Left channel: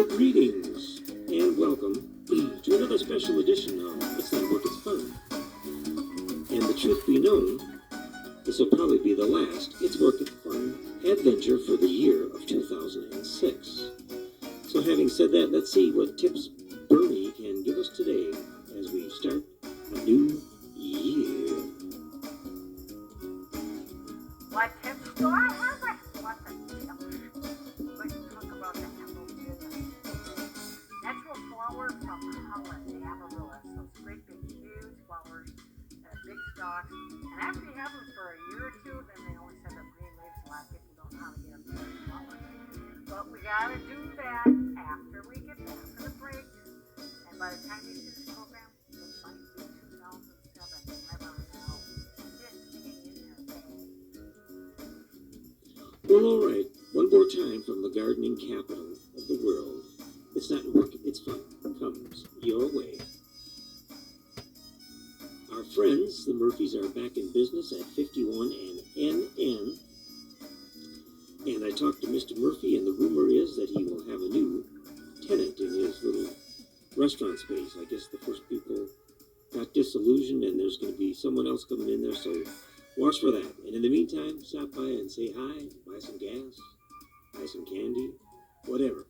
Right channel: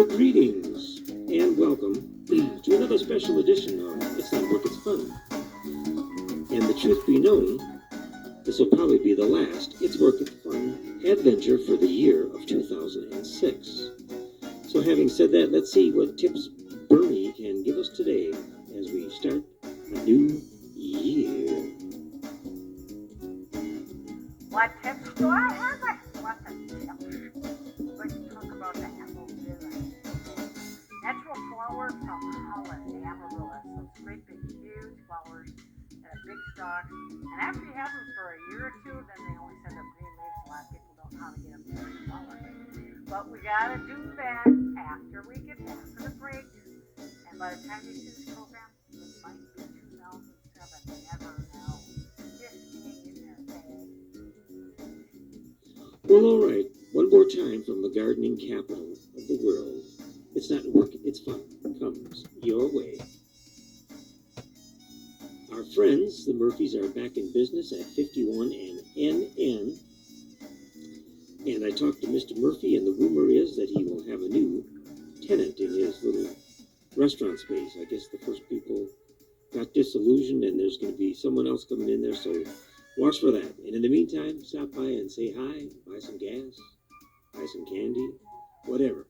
Well, greetings and welcome to another special edition of It's Not Work, It's Fun. And the truth be known, this will probably be the last It's Work, It's Fun adventure for the year of 2006. So having said that, let's see what tips Bernie can give us today as we start a new year. What tips do I have? What the tips? Let's talk about the natural flower from Holland, the amaryllis. Those great big huge flowers that have big stalks. And after you have them for a year or two, then they only send up green leaves. A lot of people don't know how to get them to big flowers. But we gotta do that after we get back from the break. And by the time you see this program, it might be 2007. You never know. Just hang in there, babe. Well, all right. One more time from the gardening capital of the world. It's not work, it's fun. Comes your way. Our friends, the Murphys, are back in business at 51 and NN. And I talked to Mr. Murphy, and the rumor is that he will have a new tenant in his little restaurant space. I guess the first people got disillusioned, and there's going to be someone else coming in there, so watch for that. And in the meantime, stop by and say hi, buy some gas, buy some candy, whatever.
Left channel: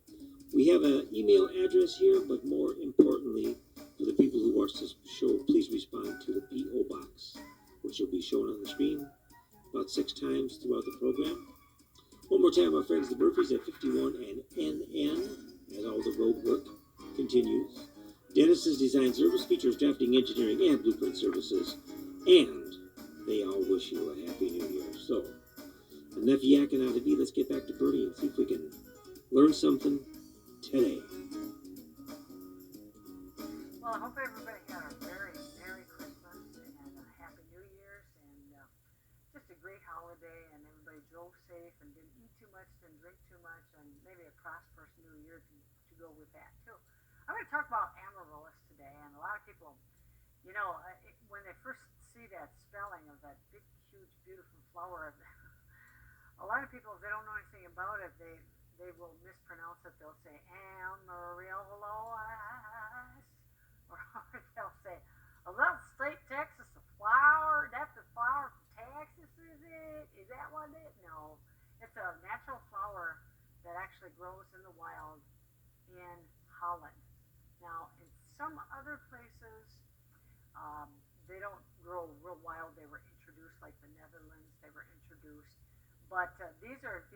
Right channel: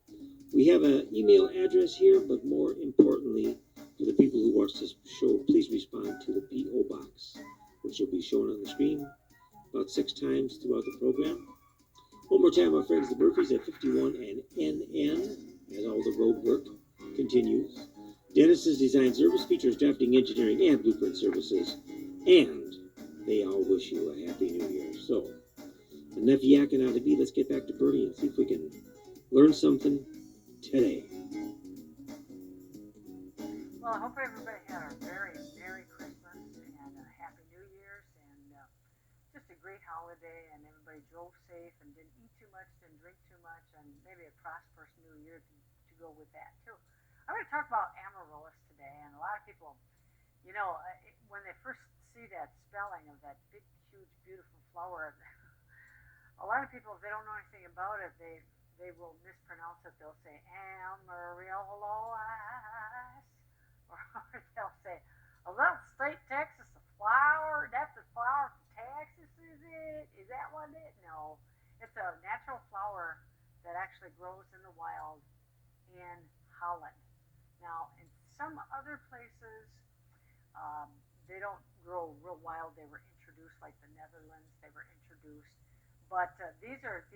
We have an email address here, but more importantly, for the people who watch this show, please respond to the P.O. Box, which will be shown on the screen about 6 times throughout the program. One more time, our friends, the Murphys at 51 and NN, as all the road work continues. Dennis's Design Service features drafting, engineering, and blueprint services, and they all wish you a Happy New Year. So, enough yakking out of me. Let's get back to Bernie and see if we can learn something today. Well, I hope everybody had a very Merry Christmas and a Happy New Year's and just a great holiday, and everybody drove safe and didn't eat too much, didn't drink too much, and maybe a prosperous New Year to go with that too. I'm going to talk about amaryllis today, and a lot of people, you know, when they first see that spelling of that big, huge, beautiful flower, a lot of people, if they don't know anything about it, they will mispronounce it. They'll say amaryllis, or they'll say, "Oh, that's state Texas, a flower. That's a flower from Texas, is it? Is that what it is?" No, it's a natural flower that actually grows in the wild in Holland. Now, in some other places, they don't grow real wild. They were introduced, like the Netherlands. They were introduced. But these are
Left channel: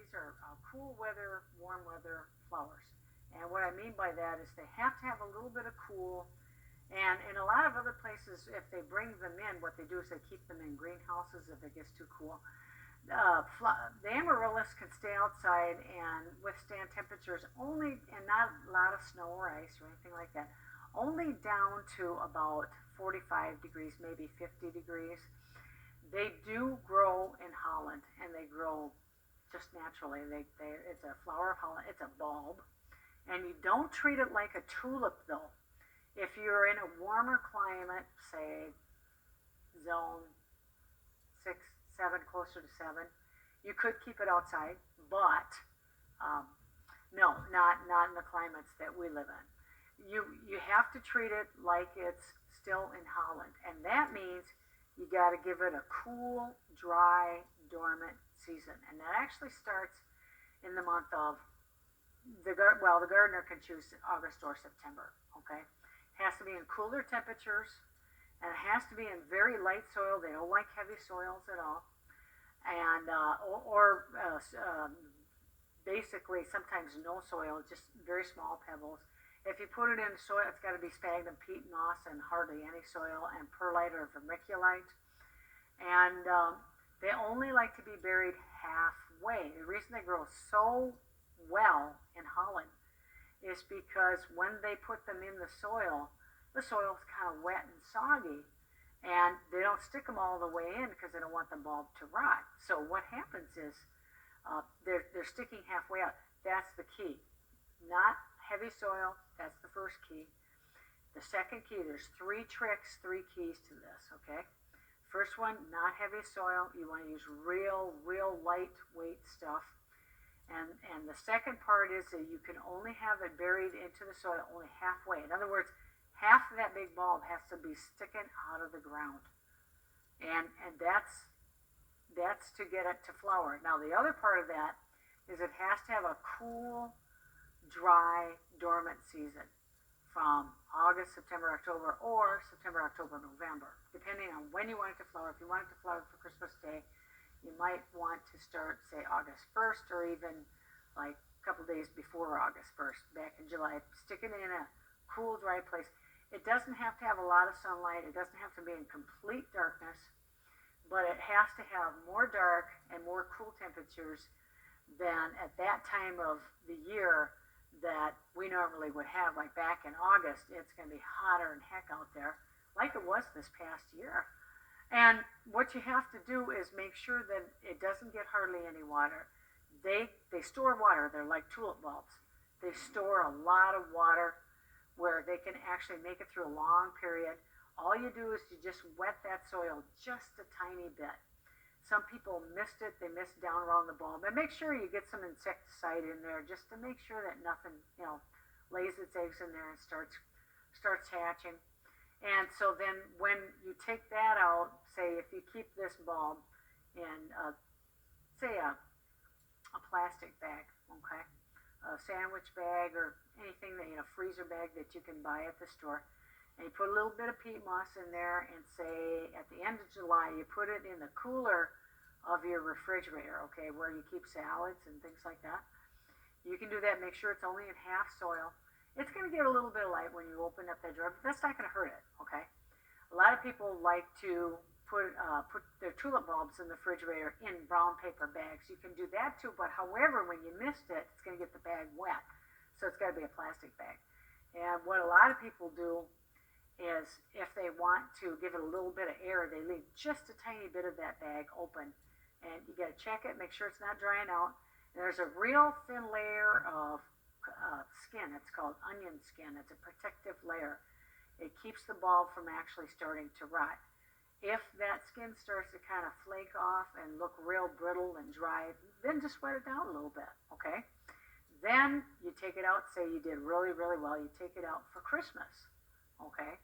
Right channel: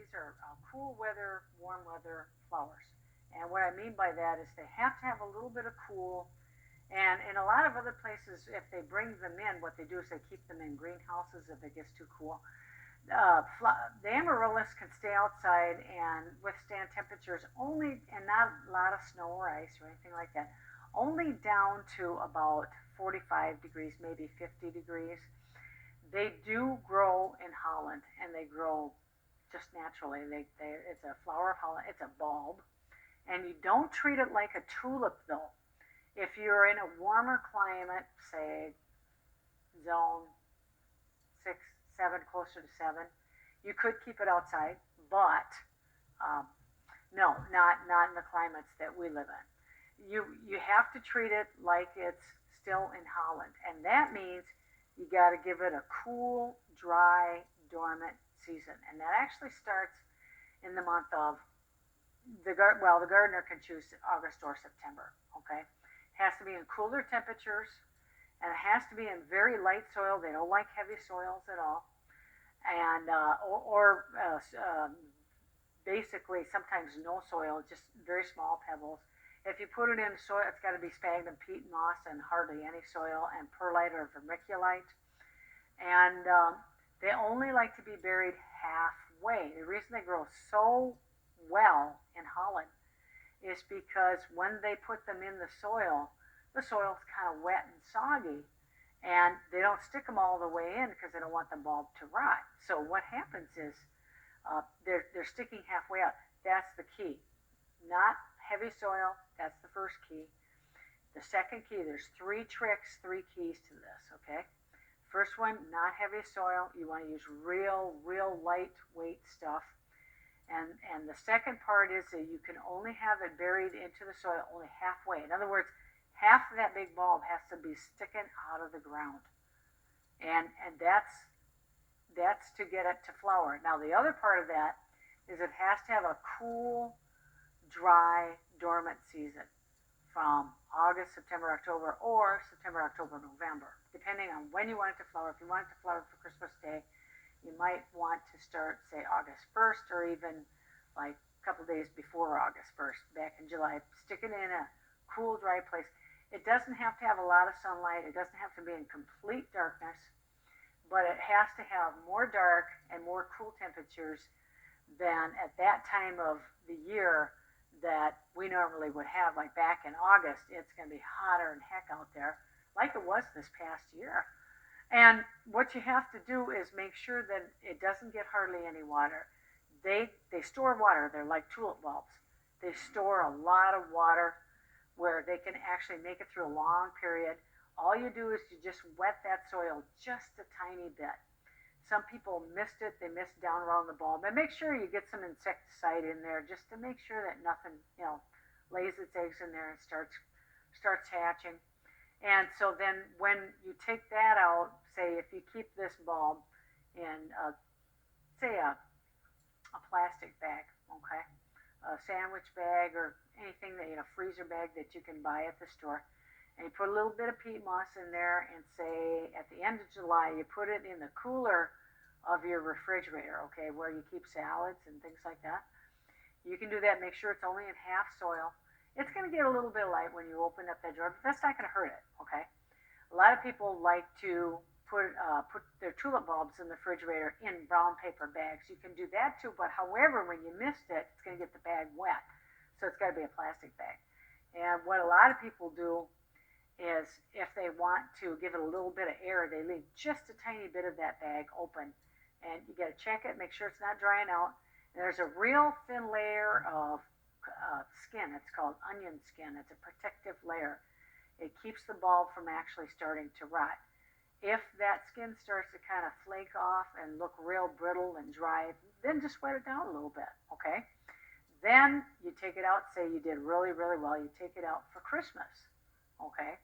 cool weather, warm weather flowers. And what I mean by that is they have to have a little bit of cool. And in a lot of other places, if they bring them in, what they do is they keep them in greenhouses if it gets too cool. The amaryllis can stay outside and withstand temperatures only, and not a lot of snow or ice or anything like that, only down to about 45 degrees, maybe 50 degrees. They do grow in Holland, and they grow just naturally. It's a flower of Holland. It's a bulb, and you don't treat it like a tulip, though. If you're in a warmer climate, say zone 6, 7, closer to 7, you could keep it outside, but no, not in the climates that we live in. You have to treat it like it's still in Holland, and that means you got to give it a cool, dry, dormant season. And that actually starts in the month of, the gardener can choose August or September, okay? It has to be in cooler temperatures, and it has to be in very light soil. They don't like heavy soils at all. And, basically sometimes no soil, just very small pebbles. If you put it in soil, it's got to be sphagnum peat moss and hardly any soil, and perlite or vermiculite. And they only like to be buried halfway. The reason they grow so well in Holland is because when they put them in the soil's kind of wet and soggy, and they don't stick them all the way in because they don't want the bulb to rot. So what happens is they're sticking halfway out. That's the key. Not heavy soil, that's the first key. The second key, there's 3 tricks, 3 keys to this, okay? First one, not heavy soil. You want to use real lightweight stuff. And the second part is that you can only have it buried into the soil only halfway. In other words, half of that big bulb has to be sticking out of the ground. And that's to get it to flower. Now the other part of that is it has to have a cool, dry, dormant season from August, September, October, or September, October, November, depending on when you want it to flower. If you want it to flower for Christmas Day, you might want to start, say, August 1st, or even like a couple days before August 1st, back in July. Stick it in a cool, dry place. It doesn't have to have a lot of sunlight. It doesn't have to be in complete darkness, but it has to have more dark and more cool temperatures than at that time of the year that we normally would have. Like back in August, it's going to be hotter than heck out there, like it was this past year. And what you have to do is make sure that it doesn't get hardly any water. They store water. They're like tulip bulbs. They store a lot of water where they can actually make it through a long period. All you do is you just wet that soil just a tiny bit. Some people missed it. They missed down around the bulb. And make sure you get some insecticide in there just to make sure that nothing, lays its eggs in there and starts hatching. And so then when you take that out, say if you keep this bulb in, say a plastic bag, okay, a sandwich bag or anything that, freezer bag that you can buy at the store, and you put a little bit of peat moss in there, and say at the end of July you put it in the cooler of your refrigerator, okay, where you keep salads and things like that. You can do that. Make sure it's only in half soil. It's going to get a little bit light when you open up that drawer, but that's not going to hurt it, okay? A lot of people like to put their tulip bulbs in the refrigerator in brown paper bags. You can do that too, but however, when you missed it, it's going to get the bag wet. So it's got to be a plastic bag. And what a lot of people do is if they want to give it a little bit of air, they leave just a tiny bit of that bag open. And you got to check it, make sure it's not drying out. And there's a real thin layer of skin. It's called onion skin. It's a protective layer. It keeps the bulb from actually starting to rot. If that skin starts to kind of flake off and look real brittle and dry, then just wet it down a little bit, okay? Then you take it out, say you did really, really well, you take it out for Christmas, okay?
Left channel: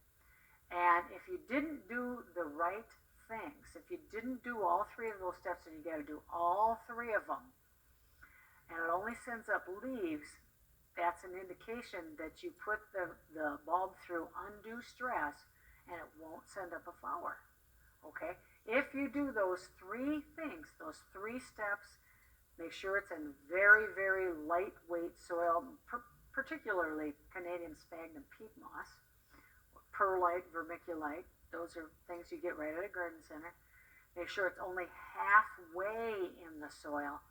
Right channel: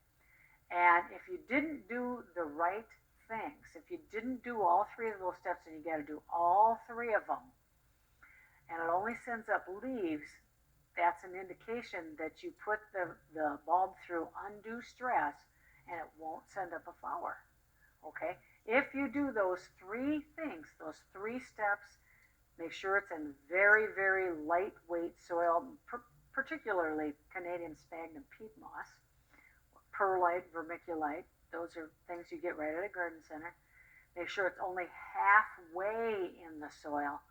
And if you didn't do the right things, if you didn't do all three of those steps, and you got to do all three of them, and it only sends up leaves, that's an indication that you put the bulb through undue stress and it won't send up a flower, okay? If you do those three things, those three steps, make sure it's in very, very lightweight soil, particularly Canadian sphagnum peat moss, perlite, vermiculite. Those are things you get right at a garden center. Make sure it's only halfway in the soil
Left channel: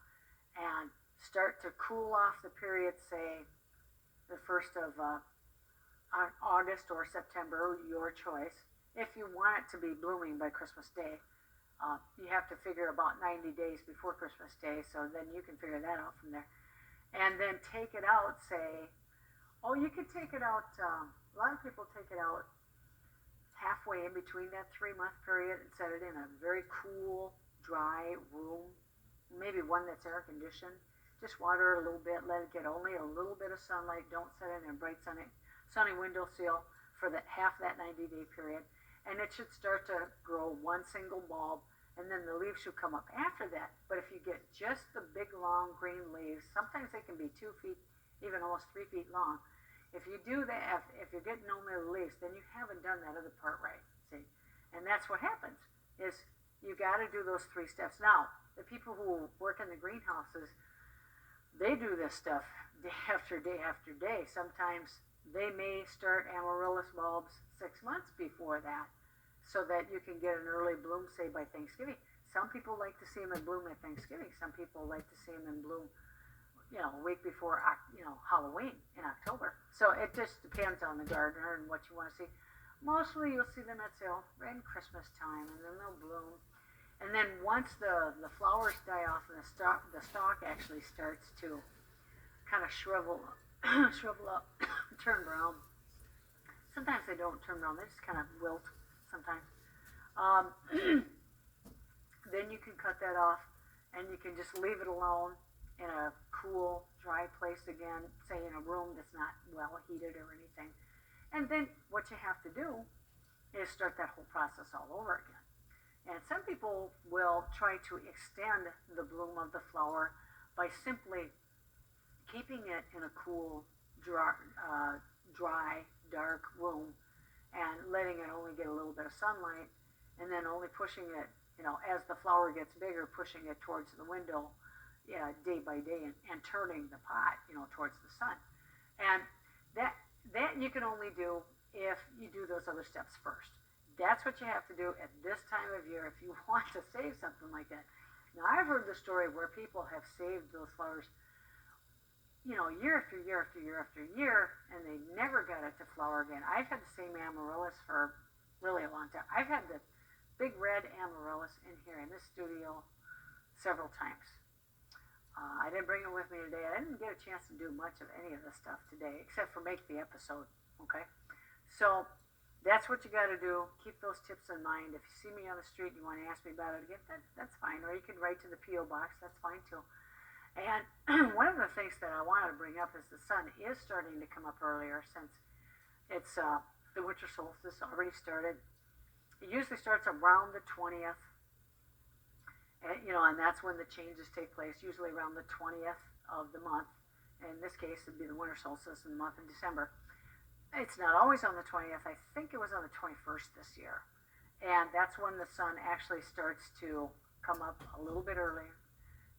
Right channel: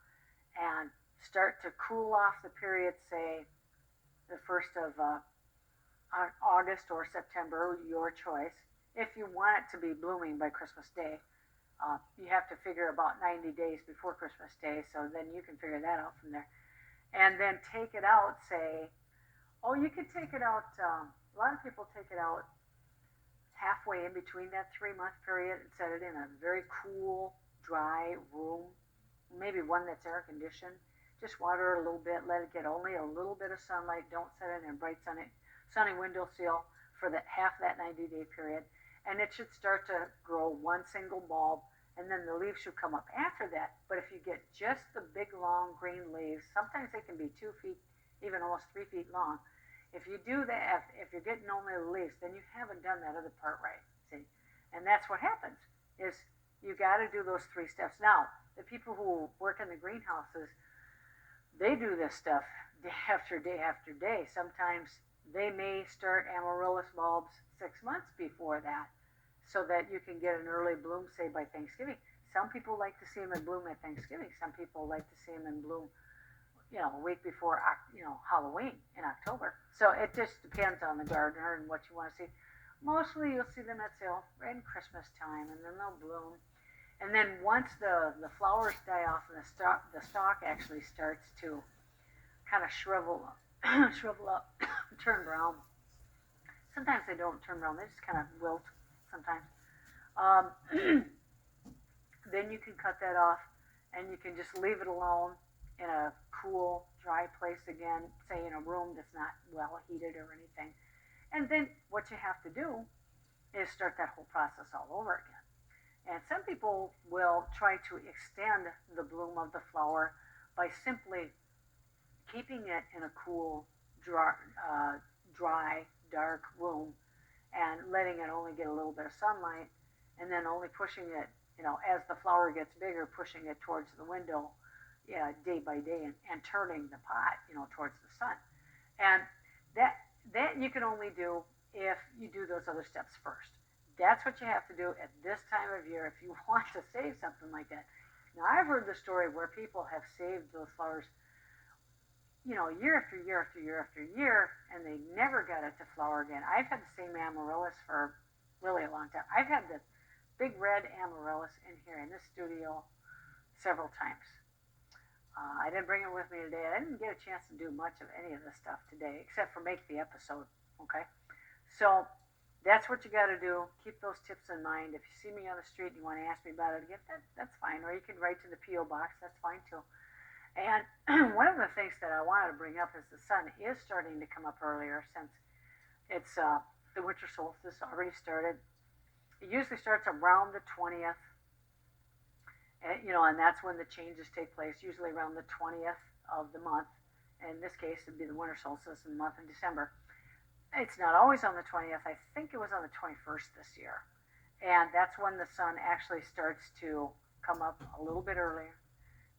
and start to cool off the period, say the 1st of August or September, your choice. If you want it to be blooming by Christmas Day, you have to figure about 90 days before Christmas Day, so then you can figure that out from there. And then take it out, say, you could take it out, a lot of people take it out halfway in between that 3-month period and set it in a very cool, dry room, maybe one that's air conditioned. Just water it a little bit, let it get only a little bit of sunlight. Don't set it in a bright sunny windowsill for half that 90-day period. And it should start to grow one single bulb, and then the leaves should come up after that. But if you get just the big, long green leaves, sometimes they can be 2 feet, even almost 3 feet long. If you do that, if you're getting only the leaves, then you haven't done that other part right, see? And that's what happens, is you got to do those 3 steps. Now, the people who work in the greenhouses, they do this stuff day after day after day. Sometimes they may start amaryllis bulbs 6 months before that so that you can get an early bloom, say, by Thanksgiving. Some people like to see them in bloom at Thanksgiving. Some people like to see them in bloom, a week before, Halloween in October. So it just depends on the gardener and what you want to see. Mostly you'll see them at sale right in Christmas time, and then they'll bloom. And then once the flowers die off and the stalk actually starts to kind of shrivel up, turn brown. Sometimes they don't turn brown; they just kind of wilt. Sometimes. Then you can cut that off, and you can just leave it alone. in a cool, dry place again, say in a room that's not well heated or anything. And then what you have to do is start that whole process all over again. And some people will try to extend the bloom of the flower by simply keeping it in a cool, dry, dark room and letting it only get a little bit of sunlight, and then only pushing it, as the flower gets bigger, pushing it towards the window, day by day, and turning the pot, towards the sun. And that you can only do if you do those other steps first. That's what you have to do at this time of year if you want to save something like that. Now, I've heard the story where people have saved those flowers, year after year after year after year, and they never got it to flower again. I've had the same amaryllis for really a long time. I've had the big red amaryllis in here in this studio several times. I didn't bring it with me today. I didn't get a chance to do much of any of this stuff today, except for make the episode, okay? So that's what you got to do. Keep those tips in mind. If you see me on the street and you want to ask me about it again, that's fine. Or you can write to the P.O. Box. That's fine, too. And one of the things that I wanted to bring up is the sun is starting to come up earlier since it's the winter solstice already started. It usually starts around the 20th. And that's when the changes take place, usually around the 20th of the month. In this case, it'd be the winter solstice in the month of December. It's not always on the 20th. I think it was on the 21st this year. And that's when the sun actually starts to come up a little bit earlier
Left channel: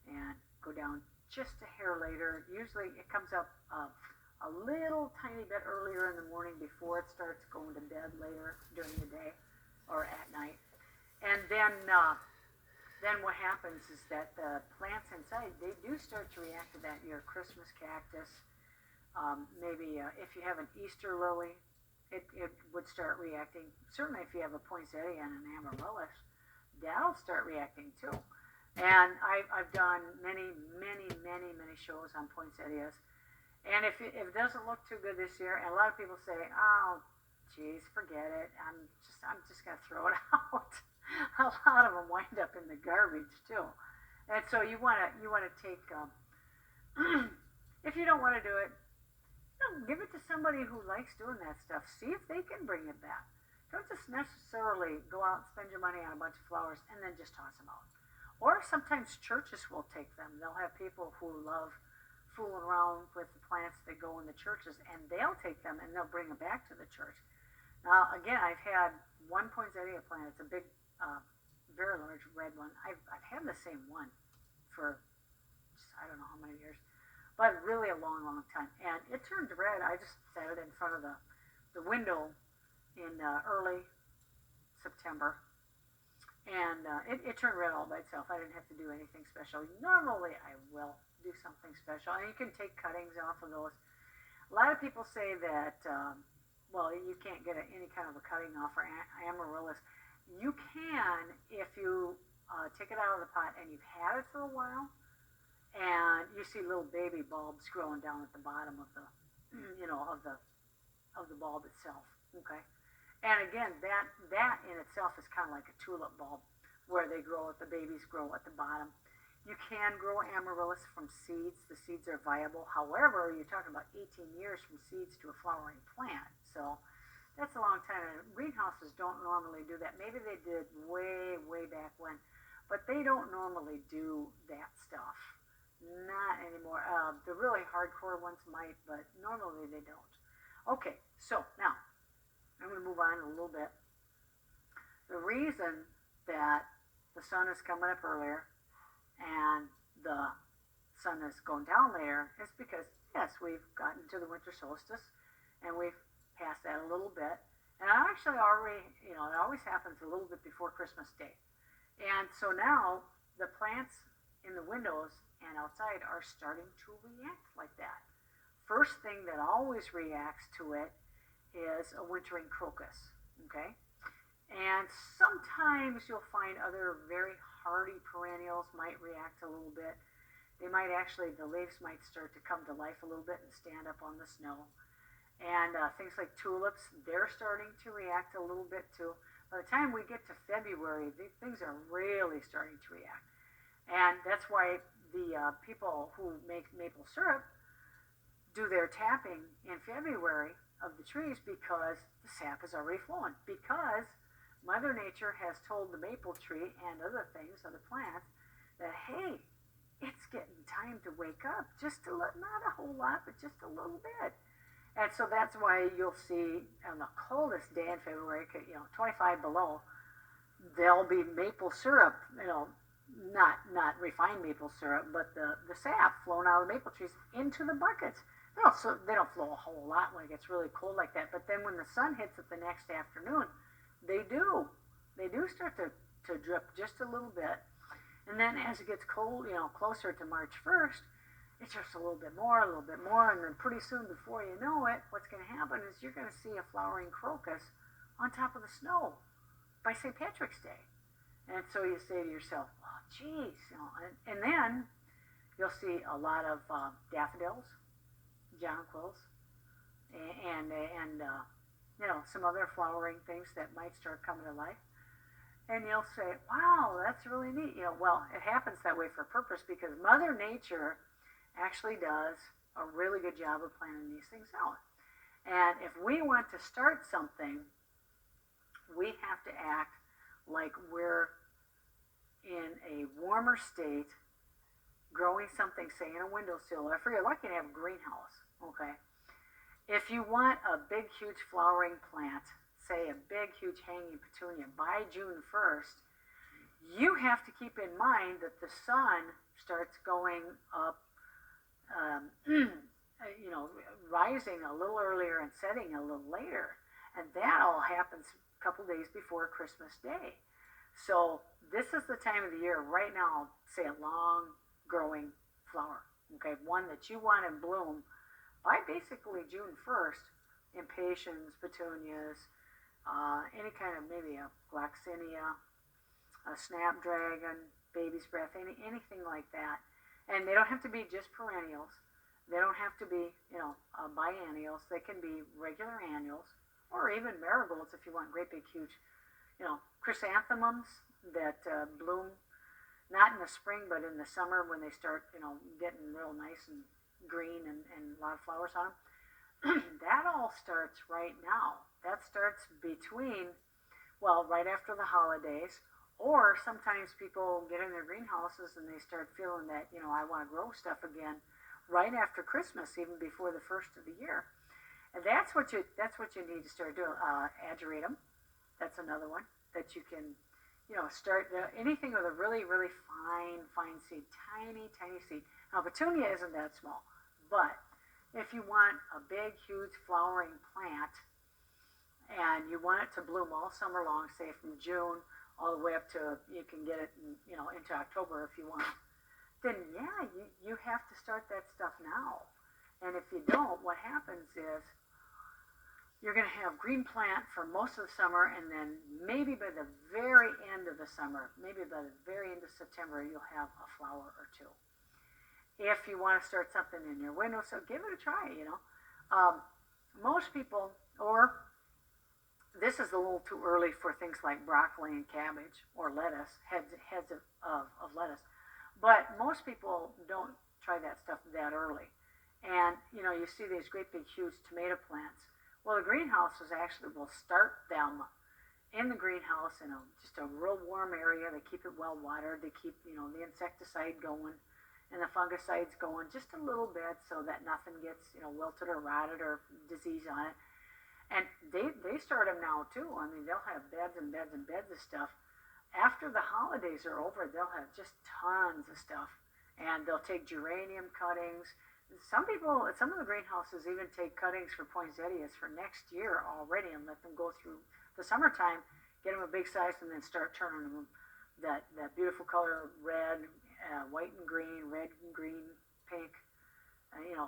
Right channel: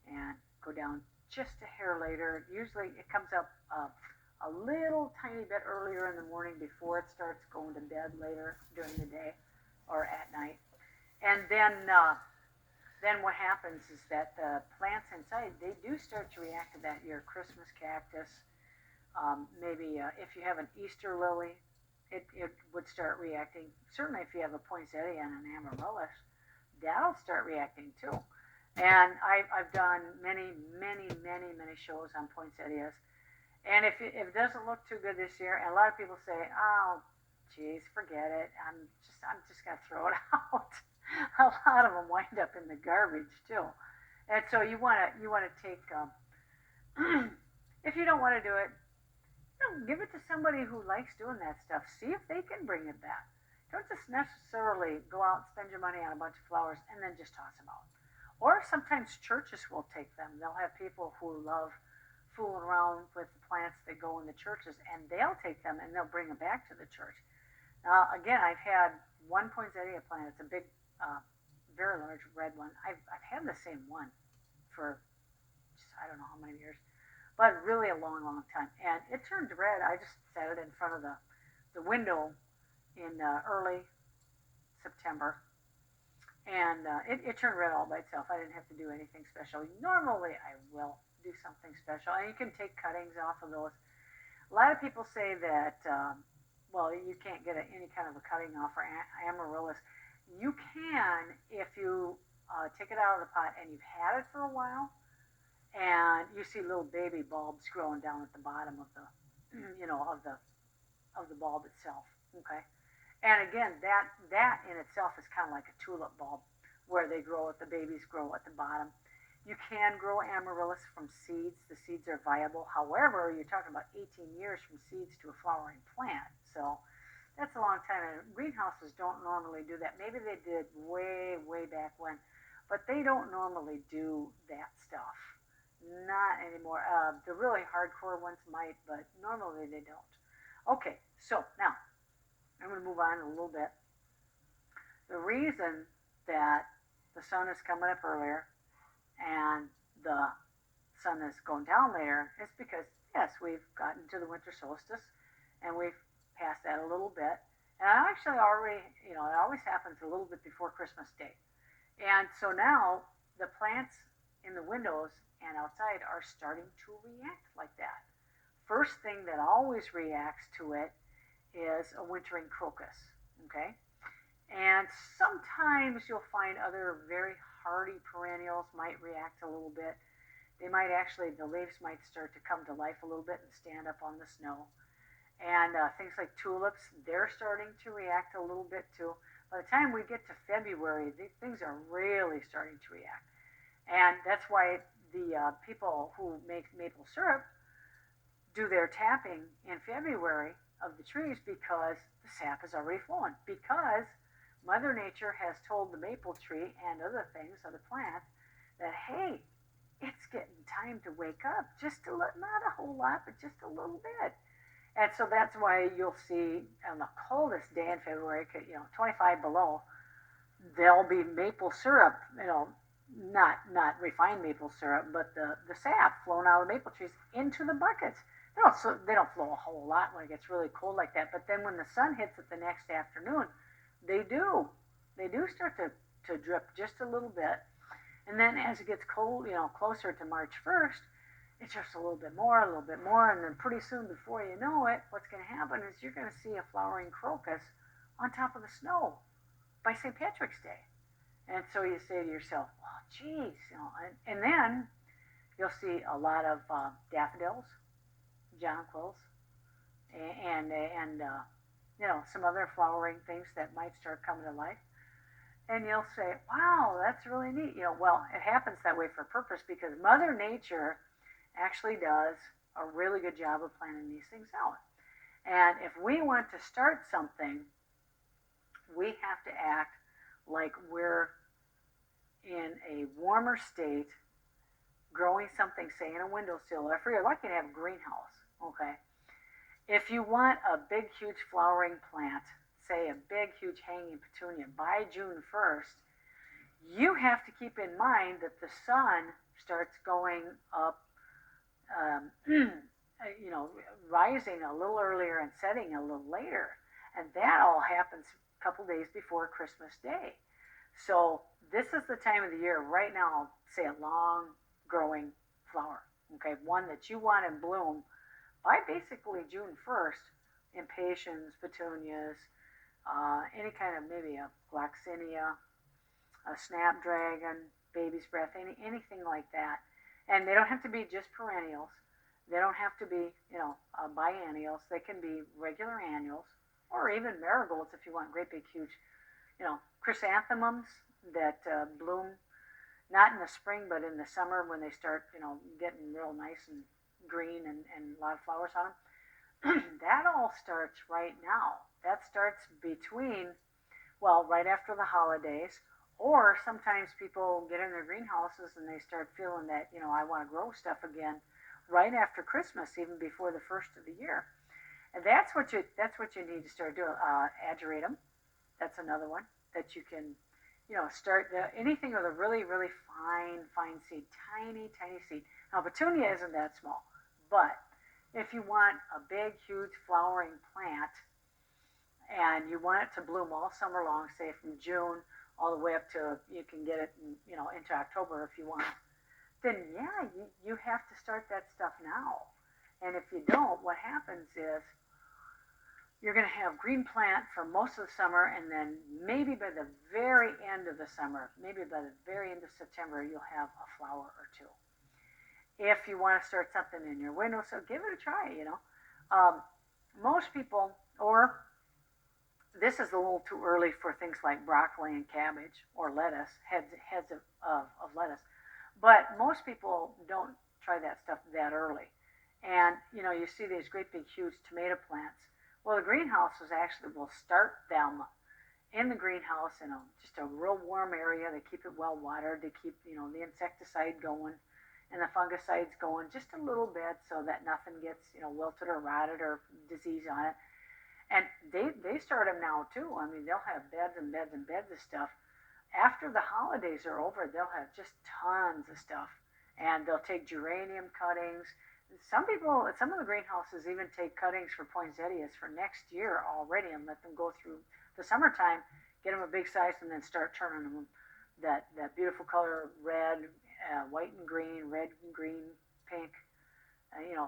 and go down just a hair later. Usually it comes up a little tiny bit earlier in the morning before it starts going to bed later during the day or at night. And then what happens is that the plants inside, they do start to react to that. Your Christmas cactus, maybe if you have an Easter lily, it would start reacting. Certainly if you have a poinsettia and an amaryllis, that'll start reacting too. And I've done many shows on poinsettias. And if it doesn't look too good this year, and a lot of people say, oh, geez, forget it. I'm just going to throw it out. A lot of them wind up in the garbage too. And so you want to take, if you don't want to do it, give it to somebody who likes doing that stuff. See if they can bring it back. Don't just necessarily go out and spend your money on a bunch of flowers and then just toss them out. Or sometimes churches will take them. They'll have people who love fooling around with the plants that go in the churches, and they'll take them and they'll bring them back to the church. Now, again, I've had one poinsettia plant. It's a big, very large red one. I've had the same one for I don't know how many years, but really a long time. And it turned red. I just set it in front of the window in early September. And it turned red all by itself. I didn't have to do anything special. Normally, I will do something special. And you can take cuttings off of those. A lot of people say that, you can't get any kind of a cutting off for amaryllis. You can if you take it out of the pot and you've had it for a while, and you see little baby bulbs growing down at the bottom of the, of the bulb itself. Okay. And again, that in itself is kind of like a tulip bulb where the babies grow at the bottom. You can grow amaryllis from seeds. The seeds are viable. However, you're talking about 18 years from seeds to a flowering plant. So that's a long time. And greenhouses don't normally do that. Maybe they did way back when, but they don't normally do that stuff. Not anymore. The really hardcore ones might, but normally they don't. Okay, so now I'm going to move on a little bit. The reason that the sun is coming up earlier and the sun is going down later is because, yes, we've gotten to the winter solstice and we've passed that a little bit. And I actually already, it always happens a little bit before Christmas Day. And so now the plants in the windows and outside are starting to react like that. First thing that always reacts to it is a wintering crocus, okay? And sometimes you'll find other very hardy perennials might react a little bit. They might actually, the leaves might start to come to life a little bit and stand up on the snow. And things like tulips, they're starting to react a little bit too. By the time we get to February, things are really starting to react. And that's why the people who make maple syrup do their tapping in February of the trees because the sap is already flowing. Because Mother Nature has told the maple tree and other things, other plants, that hey, it's getting time to wake up. Just a little, not a whole lot, but just a little bit. And so that's why you'll see on the coldest day in February, 25 below, there'll be maple syrup, not refined maple syrup, but the sap flowing out of the maple trees into the buckets. They don't flow a whole lot when it gets really cold like that. But then when the sun hits it the next afternoon, they do start to drip just a little bit. And then as it gets cold, closer to March 1st, it's just a little bit more, and then pretty soon, before you know it, what's going to happen is you're going to see a flowering crocus on top of the snow by St. Patrick's Day. And so you say to yourself, well, geez, and then you'll see a lot of daffodils, jonquils, and some other flowering things that might start coming to life. And you'll say, wow, that's really neat. Well, it happens that way for a purpose because Mother Nature actually does a really good job of planning these things out. And if we want to start something, we have to act like we're in a warmer state, growing something, say, in a windowsill, or if you're lucky to have a greenhouse, okay? If you want a big, huge flowering plant, say a big, huge hanging petunia, by June 1st, you have to keep in mind that the sun starts going up, rising a little earlier and setting a little later. And that all happens a couple days before Christmas Day. So this is the time of the year right now, say a long growing flower, okay, one that you want to bloom by basically June 1st, impatiens, petunias, any kind of maybe a gloxinia, a snapdragon, baby's breath, anything like that. And they don't have to be just perennials. They don't have to be, biennials. They can be regular annuals or even marigolds if you want great big huge, chrysanthemums that bloom not in the spring but in the summer when they start, getting real nice and green and a lot of flowers on them. That all starts right now. That starts right after the holidays, or sometimes people get in their greenhouses and they start feeling that, I want to grow stuff again right after Christmas, even before the first of the year. And that's what you need to start doing. Ageratum, that's another one that you can, start anything with a really, really fine seed, tiny seed. Now, petunia isn't that small, but if you want a big, huge flowering plant and you want it to bloom all summer long, say from June all the way up to, you can get it, into October if you want, then yeah, you have to start that stuff now. And if you don't, what happens is you're going to have green plant for most of the summer, and then maybe by the very end of the summer, maybe by the very end of September, you'll have a flower or two. If you want to start something in your windowsill, give it a try, most people, or this is a little too early for things like broccoli and cabbage or lettuce, heads of lettuce, but most people don't try that stuff that early. And, you see these great big huge tomato plants. Well, the greenhouses actually will start them in the greenhouse in just a real warm area. They keep it well watered. They keep, the insecticide going and the fungicides going just a little bit so that nothing gets, wilted or rotted or disease on it. And they start them now too. I mean, they'll have beds and beds and beds of stuff. After the holidays are over, they'll have just tons of stuff. And they'll take geranium cuttings. Some of the greenhouses even take cuttings for poinsettias for next year already and let them go through the summertime, get them a big size, and then start turning them that beautiful color, red, white and green, red and green, pink,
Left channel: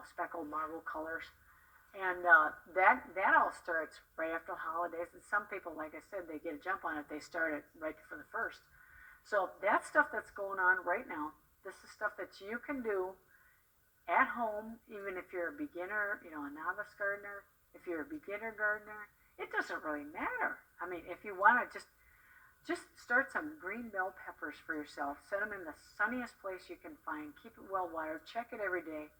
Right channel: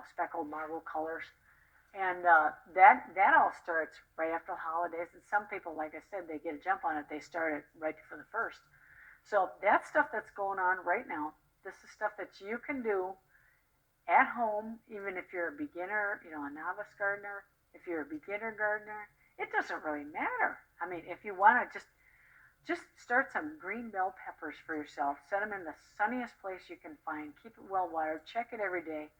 speckled marble colors. And that all starts right after the holidays. And some people, like I said, they get a jump on it. They start it right before the first. So that's stuff that's going on right now. This is stuff that you can do at home, even if you're a beginner, a novice gardener. If you're a beginner gardener, it doesn't really matter. I mean, if you want to just just start some green bell peppers for yourself. Set them in the sunniest place you can find. Keep it well watered. Check it every day.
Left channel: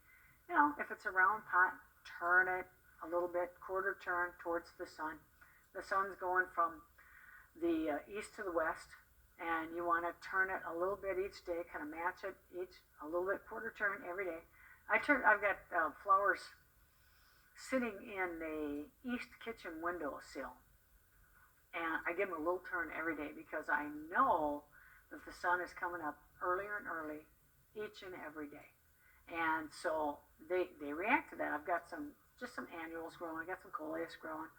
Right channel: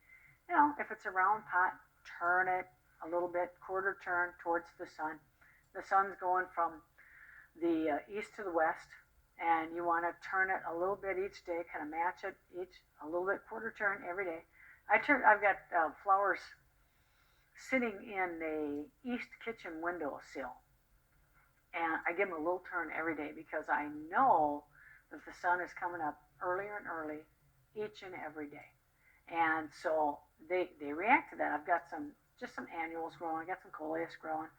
You know, if it's a round pot, turn it a little bit, quarter turn towards the sun. The sun's going from the east to the west, and you want to turn it a little bit each day, kind of match it each a little bit, quarter turn every day. I've got flowers sitting in the east kitchen windowsill, and I give them a little turn every day because I know that the sun is coming up earlier and early each and every day, and so they react to that. I've got some annuals growing. I got some coleus growing.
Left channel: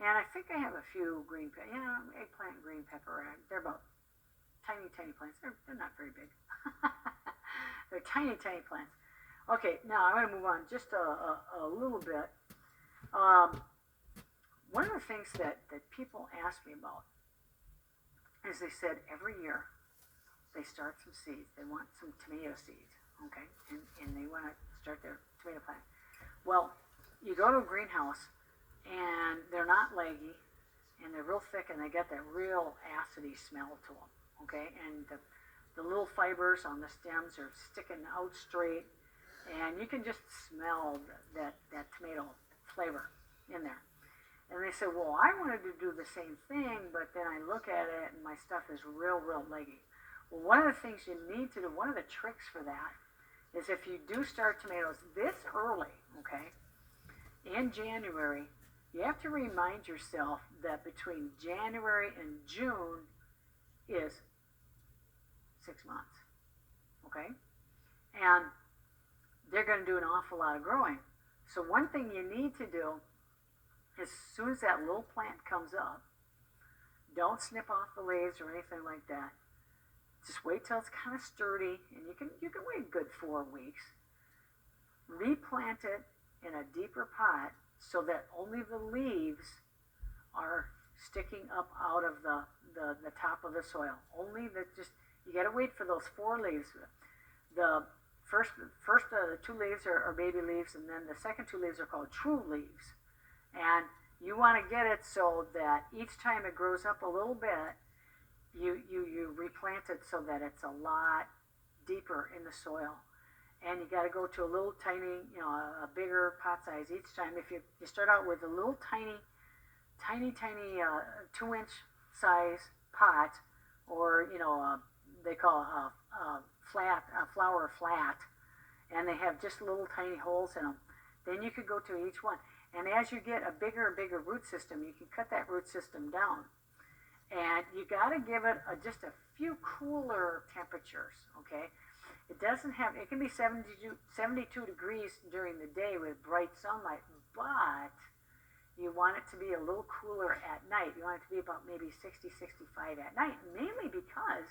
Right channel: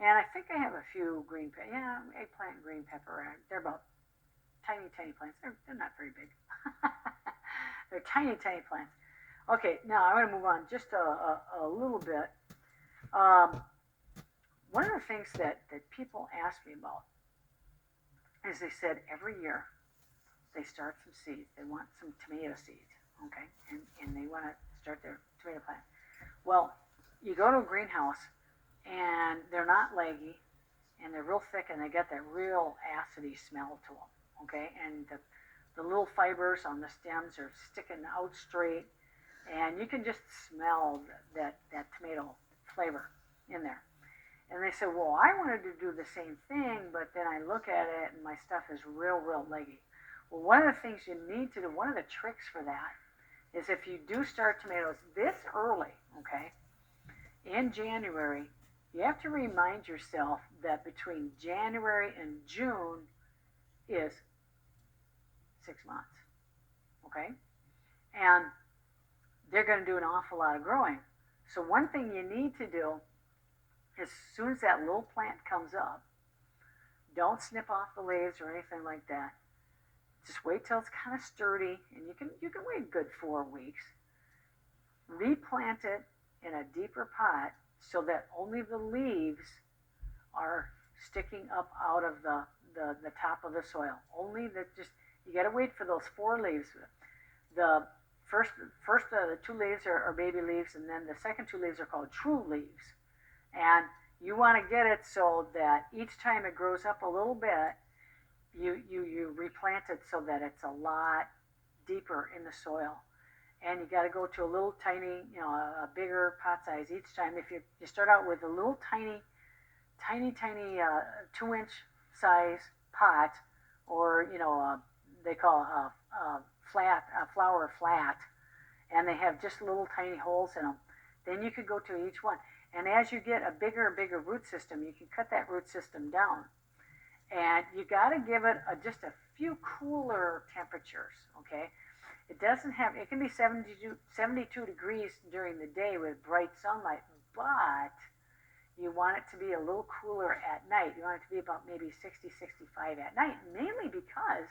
And I think I have a few green pepper. Yeah, eggplant and green pepper. They're about tiny, tiny plants. They're not very big. They're tiny, tiny plants. Okay, now I'm going to move on just a little bit. One of the things that people ask me about is they said every year they start some seeds. They want some tomato seeds, okay? And they want to start their tomato plant. Well, you go to a greenhouse, and they're not leggy, and they're real thick, and they get that real acidy smell to them, okay? And the little fibers on the stems are sticking out straight, and you can just smell that tomato flavor in there. And they said, well, I wanted to do the same thing, but then I look at it, and my stuff is real leggy. Well, one of the things you need to do, one of the tricks for that, is if you do start tomatoes this early, okay, in January, you have to remind yourself that between January and June is 6 months, okay? And they're going to do an awful lot of growing. So one thing you need to do, as soon as that little plant comes up, don't snip off the leaves or anything like that. Just wait till it's kind of sturdy, and you can wait a good 4 weeks. Replant it in a deeper pot so that only the leaves are sticking up out of the top of the soil. Only that, just, you got to wait for those 4 leaves. The first the 2 leaves are baby leaves, and then the second 2 leaves are called true leaves. And you want to get it so that each time it grows up a little bit, you replant it so that it's a lot deeper in the soil. And you got to go to a little tiny, a bigger pot size each time. If you start out with a little tiny 2-inch size pot, or they call a flower flat, and they have just little tiny holes in them. Then you could go to each one. And as you get a bigger and bigger root system, you can cut that root system down. And you got to give it just a few cooler temperatures, okay? It can be 72 degrees during the day with bright sunlight, but you want it to be a little cooler at night. You want it to be about maybe 60, 65 at night, mainly because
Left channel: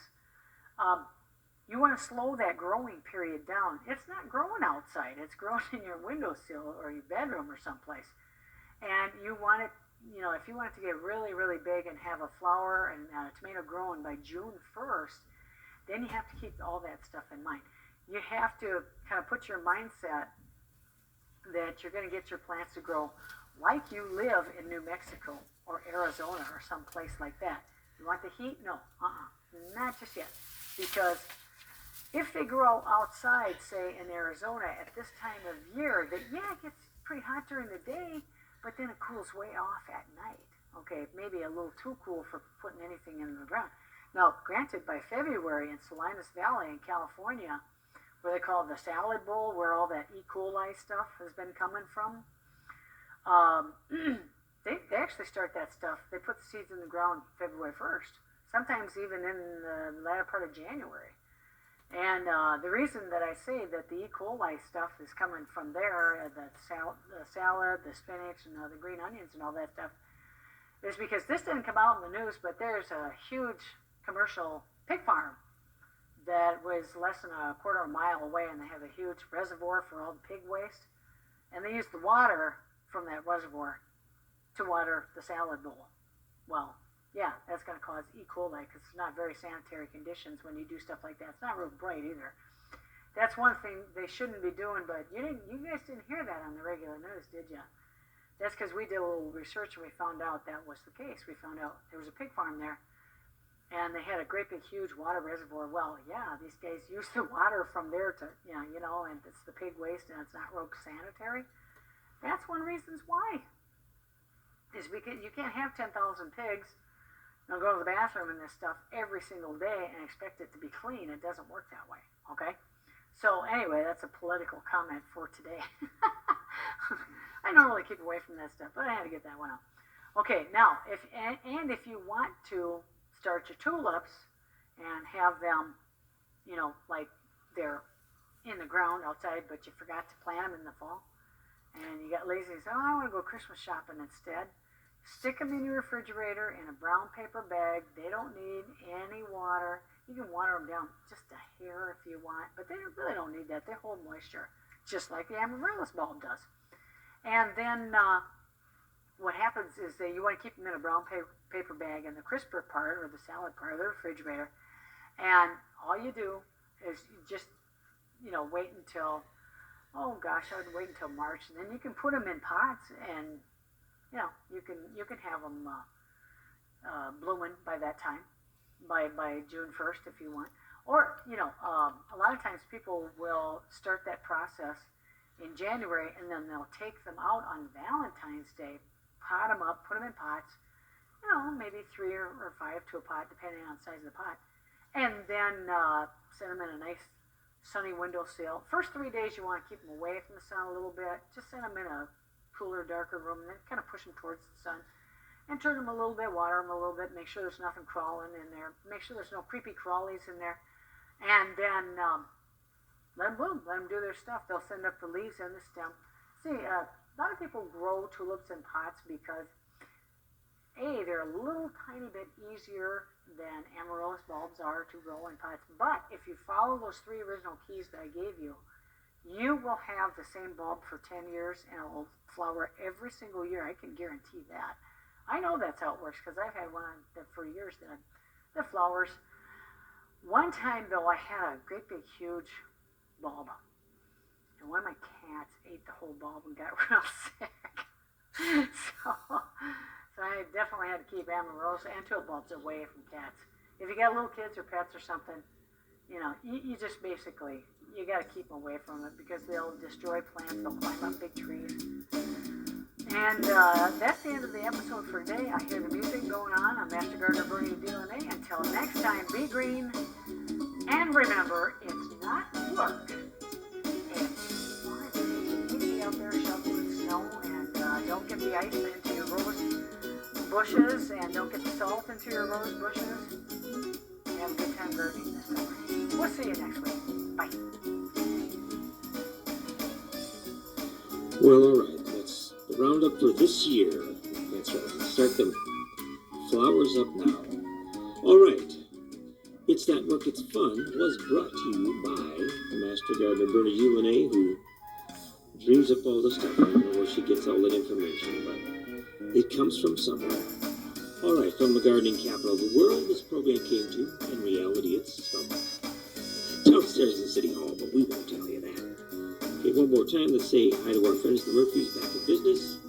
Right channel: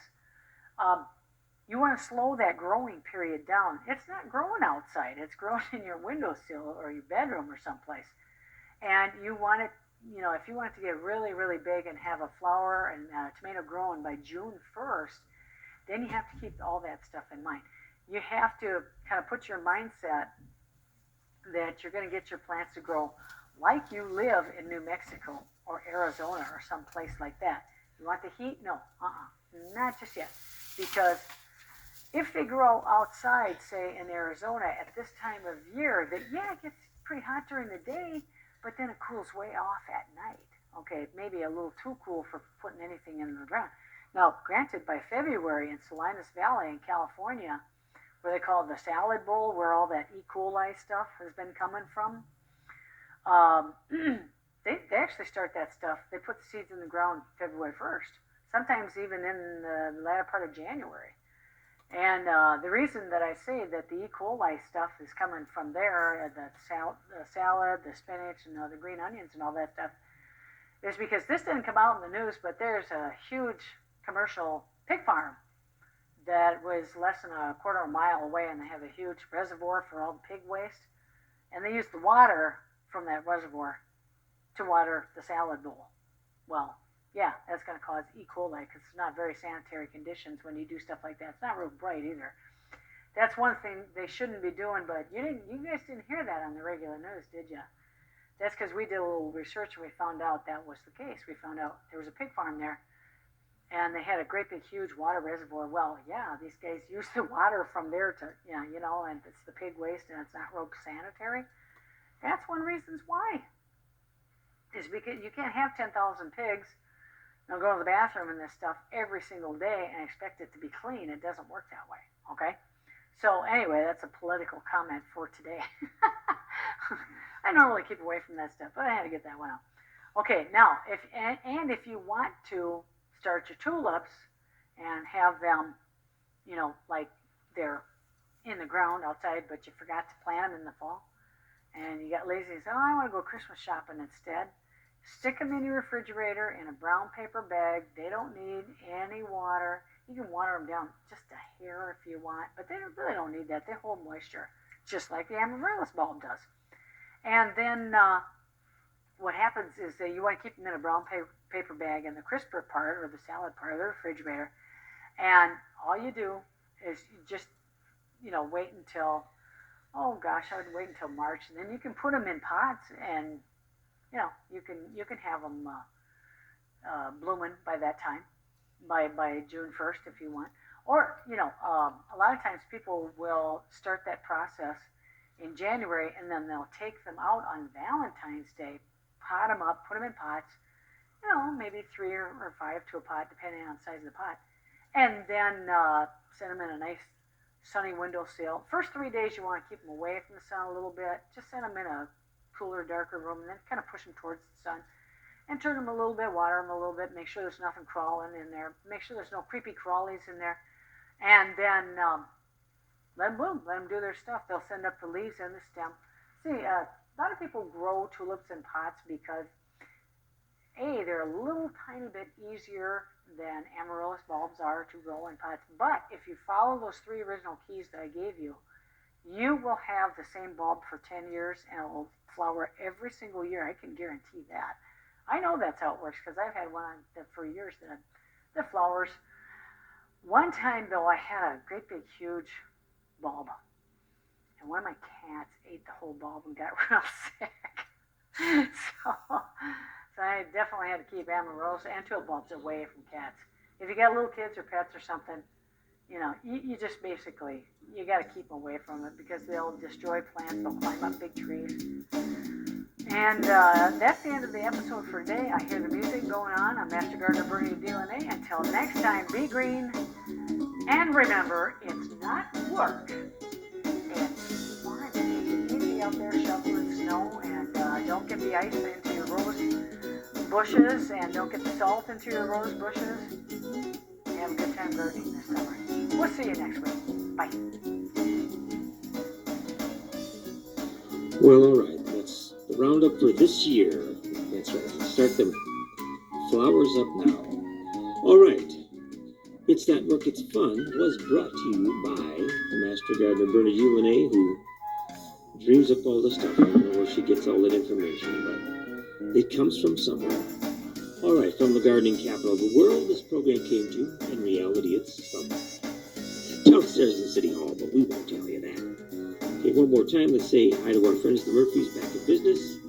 you want to slow that growing period down. It's not growing outside. It's growing in your windowsill or your bedroom or someplace. And you want it, if you want it to get really, really big and have a flower and tomato growing by June 1st, then you have to keep all that stuff in mind. You have to kind of put your mindset that you're going to get your plants to grow like you live in New Mexico or Arizona or someplace like that. You want the heat? No, not just yet. Because if they grow outside, say in Arizona at this time of year, that it gets pretty hot during the day, but then it cools way off at night. Okay, maybe a little too cool for putting anything in the ground. Now, granted, by February in Salinas Valley in California, where they call it the salad bowl, where all that E. coli stuff has been coming from, they actually start that stuff. They put the seeds in the ground February 1st, sometimes even in the latter part of January. And the reason that I say that the E. coli stuff is coming from there, the salad, the spinach, and the green onions and all that stuff, is because this didn't come out in the news, but there's a huge commercial pig farm that was less than a quarter of a mile away, and they have a huge reservoir for all the pig waste, and they use the water from that reservoir to water the salad bowl. Well, yeah, that's going to cause E. coli because it's not very sanitary conditions when you do stuff like that. It's not real bright either. That's one thing they shouldn't be doing, but you guys didn't hear that on the regular news, did you? That's because we did a little research and we found out that was the case. We found out there was a pig farm there and they had a great big huge water reservoir. Well, yeah, these guys use the water from there to, and it's the pig waste and it's not real sanitary. That's one reason why. Is because you can't have 10,000 pigs go to the bathroom and this stuff every single day and expect it to be clean. It doesn't work that way, okay? So anyway, that's a political comment for today. I normally keep away from that stuff, but I had to get that one out. Okay, now, if you want to start your tulips and have them, like they're in the ground outside, but you forgot to plant them in the fall, and you got lazy and say, I want to go Christmas shopping instead, stick them in your refrigerator in a brown paper bag. They don't need any water. You can water them down just a hair if you want, but they really don't need that. They hold moisture, just like the amaryllis bulb does. And then what happens is that you want to keep them in a brown paper bag in the crisper part or the salad part of the refrigerator. And all you do is you just, wait until, I would wait until March. And then you can put them in pots and, you can have them blooming by that time, by June 1st if you want. Or, a lot of times people will start that process in January, and then they'll take them out on Valentine's Day, pot them up, put them in pots, maybe 3 or 5 to a pot, depending on the size of the pot, and then send them in a nice sunny windowsill. First 3 days you want to keep them away from the sun a little bit. Just send them in a cooler, darker room, and then kind of push them towards the sun, and turn them a little bit, water them a little bit, make sure there's nothing crawling in there, make sure there's no creepy crawlies in there, and then let them bloom, let them do their stuff. They'll send up the leaves and the stem. See, a lot of people grow tulips in pots because, A, they're a little tiny bit easier than amaryllis bulbs are to grow in pots. But if you follow those 3 original keys that I gave you, you will have the same bulb for 10 years and it will flower every single year. I can guarantee that. I know that's how it works because I've had one that for years that flowers. One time, though, I had a great big huge bulb, and one of my cats ate the whole bulb and got real sick. So I definitely had to keep amaryllis and tulip bulbs away from cats. If you got little kids or pets or something, you just basically, you got to keep them away from it because they'll destroy plants, they'll climb up big trees. And that's the end of the episode for today. I hear the music going on. I'm Master Gardener Bernie Lonay. Until next time, be green. And remember, it's not work. It's fun. You need to be out there shoveling snow, and don't get the ice into your rose bushes, and don't get the salt into your rose bushes. And have a good time gardening this summer. We'll see you next week. Bye. Well, all right. That's the roundup for this year. That's right. Start the flowers up now. All right. It's Not Work, It's Fun was brought to you by Master Gardener Bernie Lonay, who dreams up all the stuff. I don't know where she gets all that information, but it comes from somewhere. All right, from the gardening capital of the world, this program came to. In reality, it's from downstairs in City Hall, but we won't tell you that. Okay, one more time, let's say hi to our friends, the Murphys, back in business.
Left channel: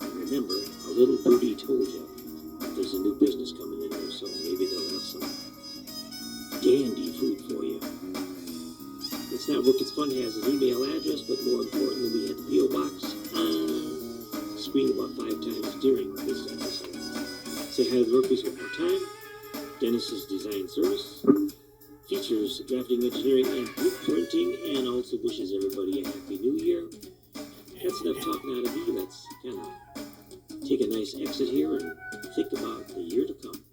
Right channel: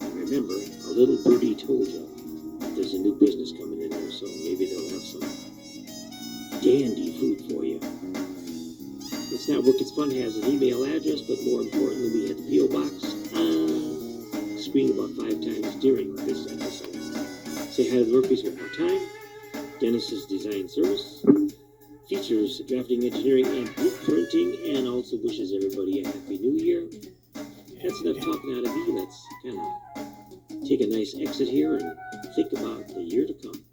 And remember, a little birdie told you there's a new business coming in there, so maybe they'll have some dandy food for you. It's Not Work, It's Fun has an email address, but more importantly, we had the P.O. Box screen about 5 times during this episode. Say hi to the Murphys one more time. Dennis's Design Service features drafting, engineering, and blueprinting, and also wishes everybody a Happy New Year. That's enough talking out of me. Let's kind of take a nice exit here and think about the year to come.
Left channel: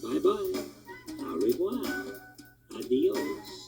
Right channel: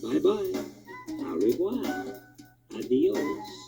Bye-bye. Au revoir. Adios.